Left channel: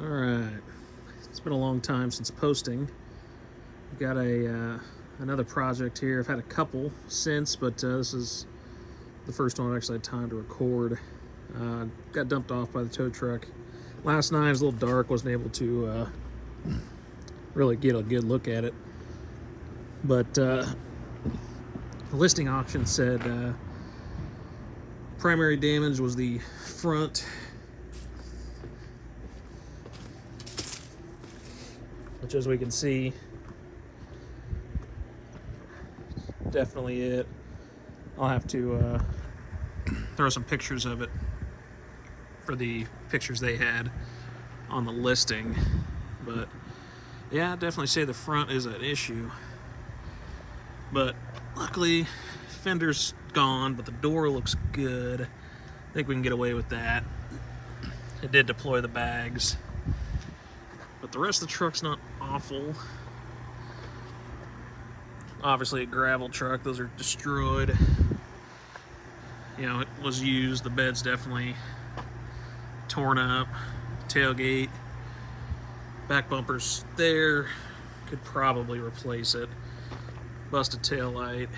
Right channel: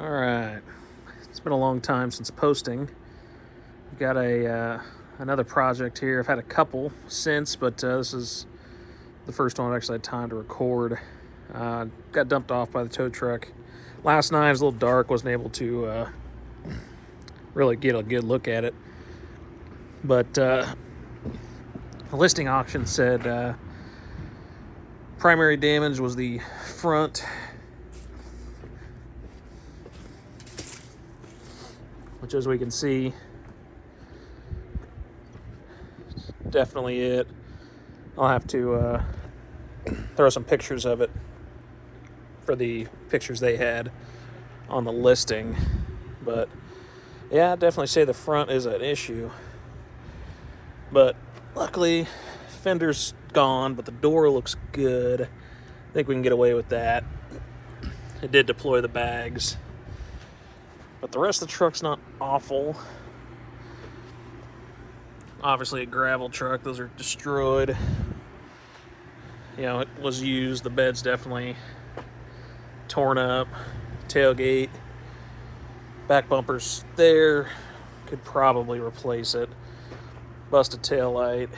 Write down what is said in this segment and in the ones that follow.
All right, it's been a long time since posting. We got another project here. I've had a couple since, but this is the first one I've actually had time to record. Got dumped off by the tow truck last night. It was a little dark, wasn't able to really get a good look at it. But the listing auction said primary damage was the front, which, as we can see, definitely it. I'll have to throw some pictures of it for the pictures they had on the listing. But yeah, I'd definitely say the front is an issue. But luckily, fender's gone, but the door looks good. I think we can get away with that. It did deploy the bags, but the rest of the truck's not awful. Obviously a gravel truck, those are destroyed. You know, it was used, the bed's definitely torn up. Tailgate, back bumper's there, could probably replace it. Busted tail light.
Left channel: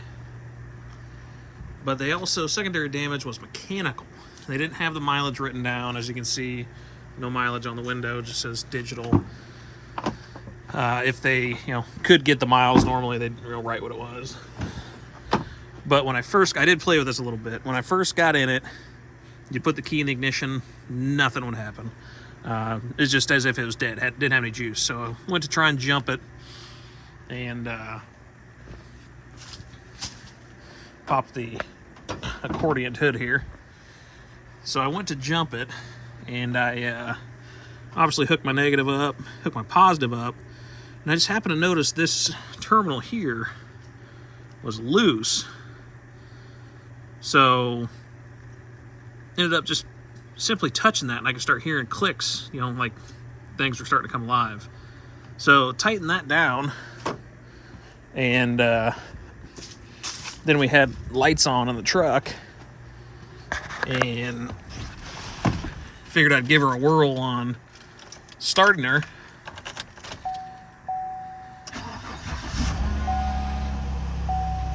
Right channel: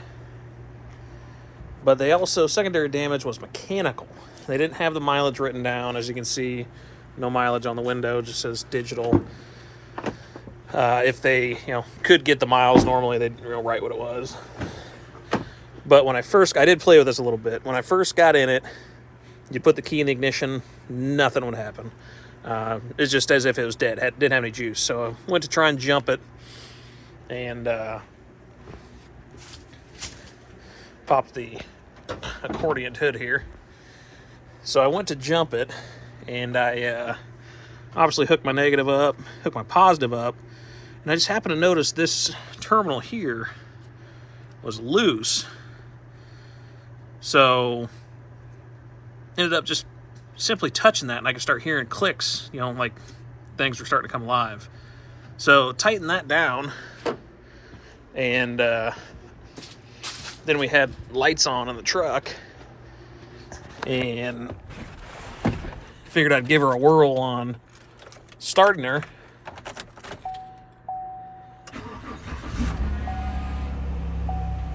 But they also, secondary damage was mechanical. They didn't have the mileage written down. As you can see, no mileage on the window, just says digital. If they, could get the miles normally, they'd write what it was. But when I did play with this a little bit. When I first got in it, you put the key in the ignition, nothing would happen. It's just as if it was dead. Didn't have any juice. So I went to try and jump it, and popped the accordion hood here. So I went to jump it, and I obviously hooked my negative up, hooked my positive up, and I just happened to notice this terminal here was loose. So ended up just simply touching that, and I could start hearing clicks, like things were starting to come alive. So tighten that down, and then we had lights on in the truck, and figured I'd give her a whirl on starting her.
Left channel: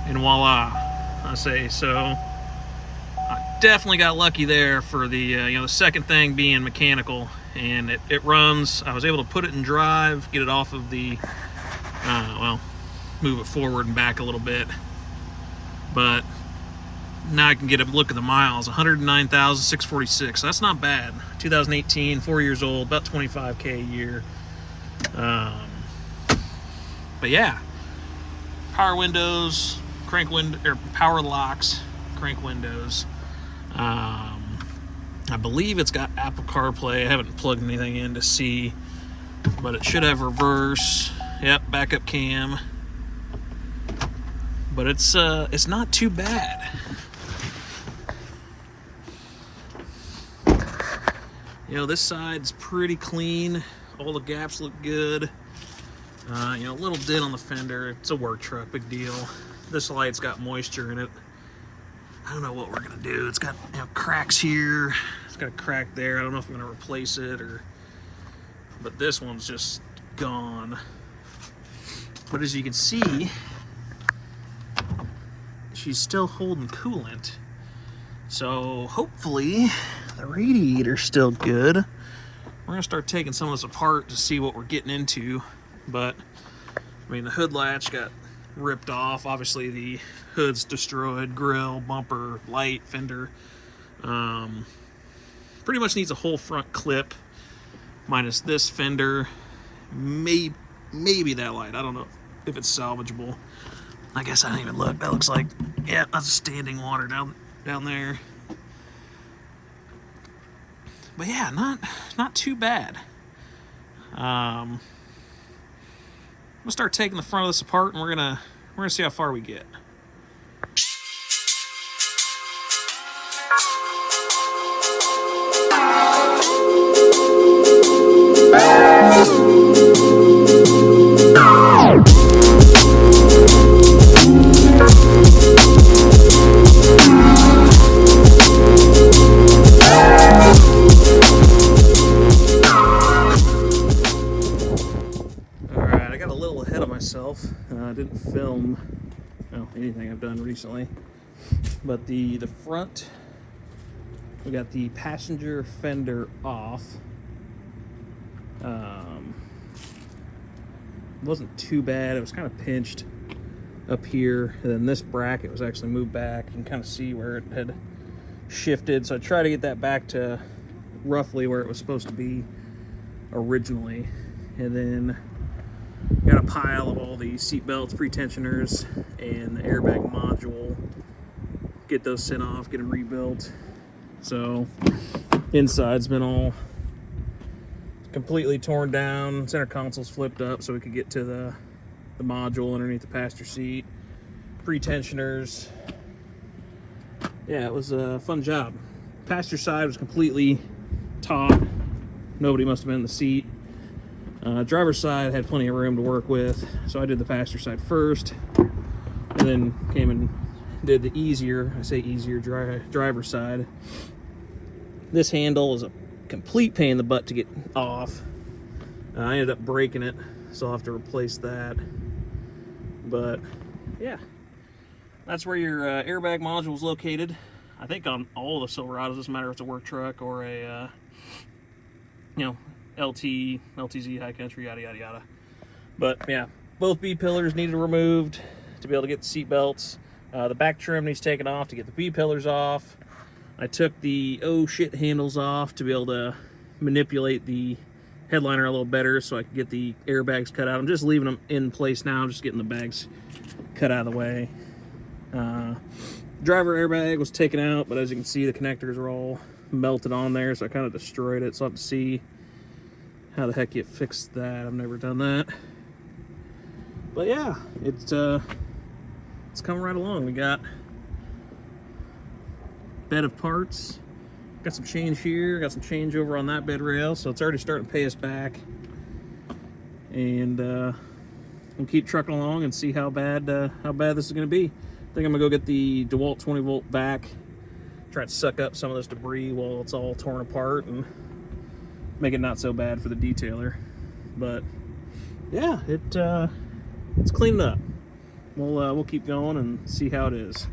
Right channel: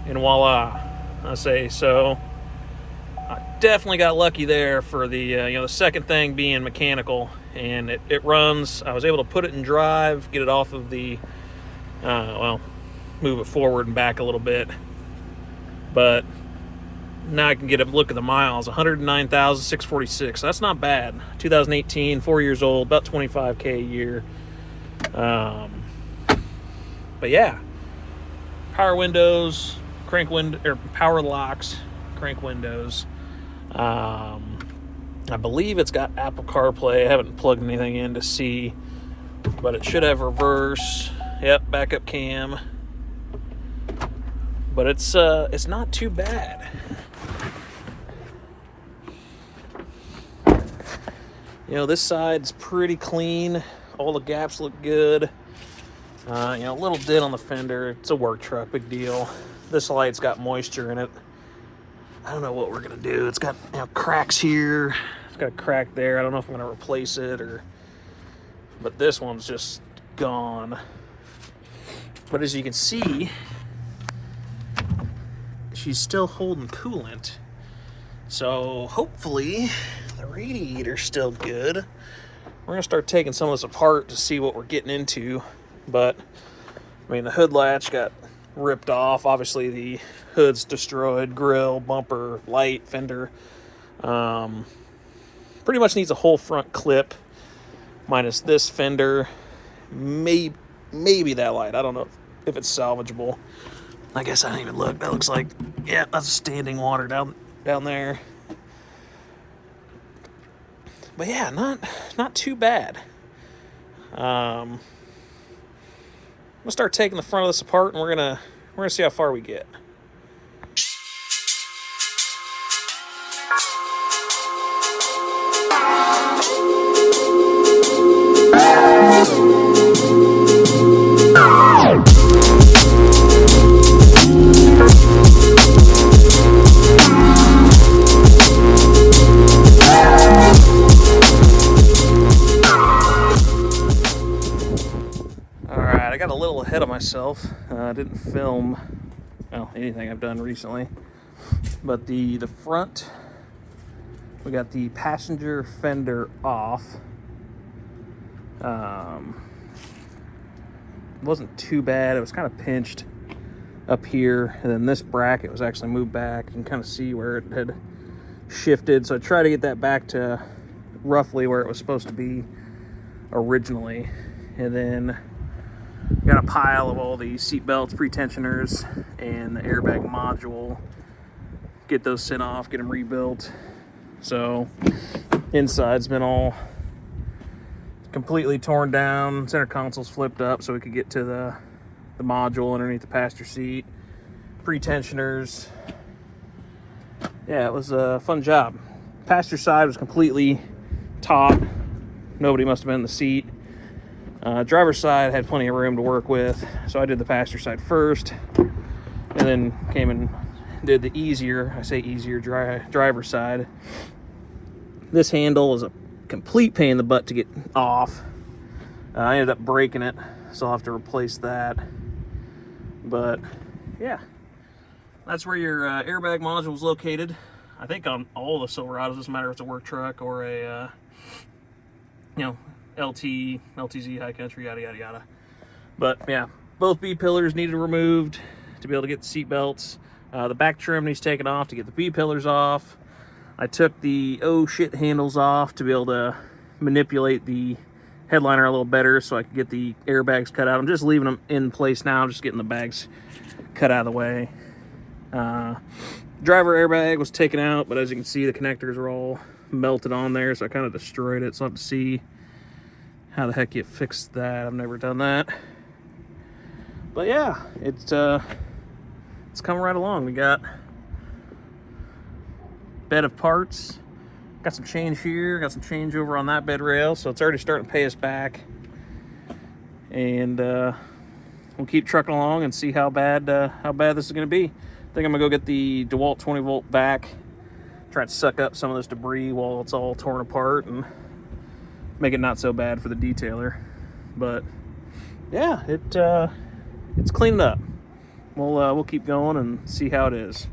And voila, I say. So I definitely got lucky there for the the second thing being mechanical, and it runs. I was able to put it in drive, get it off of the move it forward and back a little bit. But now I can get a look at the miles. 109,646. That's not bad. 2018, 4 years old, about 25K a year. But yeah, power windows, power locks, crank windows. I believe it's got Apple CarPlay. I haven't plugged anything in to see, but it should have reverse. Yep, backup cam. But it's not too bad. This side's pretty clean. All the gaps look good. A little dent on the fender. It's a work truck, big deal. This light's got moisture in it. I don't know what we're gonna do. It's got cracks here. It's got a crack there. I don't know if I'm gonna replace it but this one's just gone. But as you can see, she's still holding coolant. So hopefully the radiator's still good. We're gonna start taking some of this apart to see what we're getting into. But the hood latch got ripped off. Obviously the hood's destroyed. Grill, bumper, light, fender. Pretty much needs a whole front clip, minus this fender. Maybe that light. I don't know if it's salvageable. I guess I didn't even look. That looks like, yeah, that's standing water down there. But yeah, not too bad. I'm gonna start taking the front of this apart, and we're gonna see how far we get. myself. I didn't film, well, anything I've done recently. But the front, we got the passenger fender off. It wasn't too bad. It was kind of pinched up here, and then this bracket was actually moved back. You can kind of see where it had shifted, so I tried to get that back to roughly where it was supposed to be originally. And then got a pile of all the seat belts, pre-tensioners, and the airbag module. Get those sent off, get them rebuilt. So inside's been all completely torn down. Center console's flipped up so we could get to the module underneath the passenger seat. Pre-tensioners. Yeah, it was a fun job. Passenger side was completely taut. Nobody must have been in the seat. Driver's side had plenty of room to work with, so I did the passenger side first, and then came and did the easier, I say easier, driver's side. This handle is a complete pain in the butt to get off. I ended up breaking it, so I'll have to replace that. But yeah, that's where your airbag module is located. I think on all the Silverados, doesn't matter if it's a work truck or a LT, LTZ, high country, yada yada yada. But yeah, both B pillars needed removed to be able to get the seat belts. The back trim needs taken off to get the B pillars off. I took the oh shit handles off to be able to manipulate the headliner a little better so I could get the airbags cut out. I'm just leaving them in place now, just getting the bags cut out of the way. Driver airbag was taken out, but as you can see, the connectors are all melted on there, so I kind of destroyed it. So I have to see how the heck you fix that. I've never done that. But yeah, it's coming right along. We got bed of parts, got some change here, got some change over on that bed rail, so it's already starting to pay us back. And we'll keep trucking along and see how bad this is going to be. I think I'm gonna go get the DeWalt 20 volt back, try to suck up some of this debris while it's all torn apart and make it not so bad for the detailer. But yeah, it's cleaned up. We'll keep going and see how it is.